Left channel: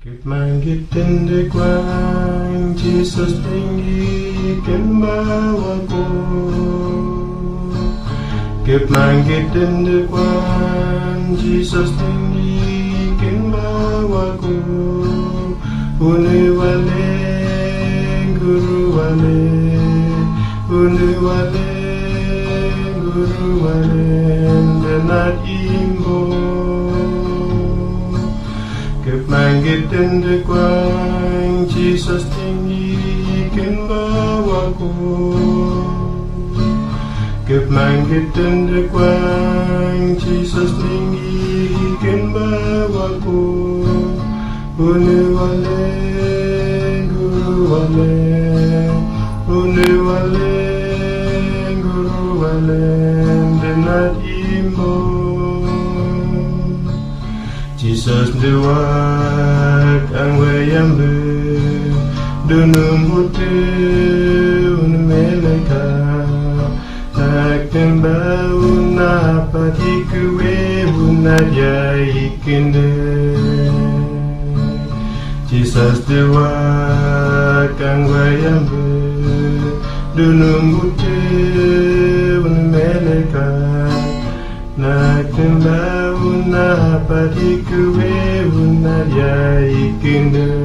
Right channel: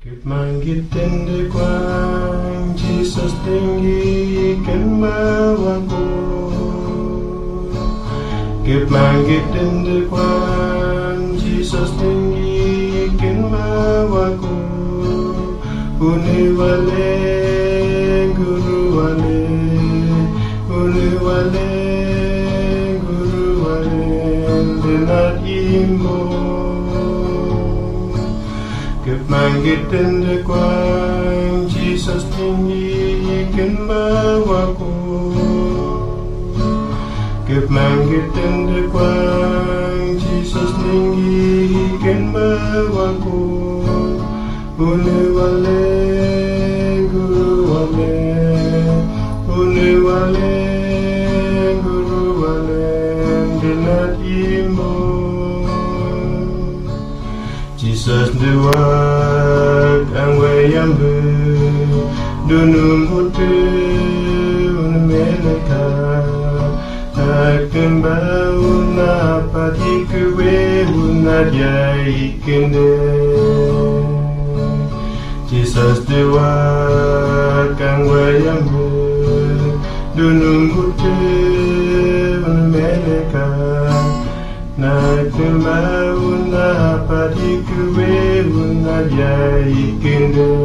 Agbanekundi Jesus tinggikan bawaku. Agbanekundi Jesus tinggikan bawaku. Uni wale guru wale, uni wale guru wale, benar imbo. Agbanekundi Jesus tinggikan bawaku. Agbanekundi Jesus tinggikan bawaku. Uni wale guru wale, uni wale guru wale, benar imbo. Jesus the word ang wayambe dunung hote unmeleka akamba una patikwe unadia ikende. Jesus the word ang wayambe dunung hote unmeleka nakamba una patikwe unadia ikende.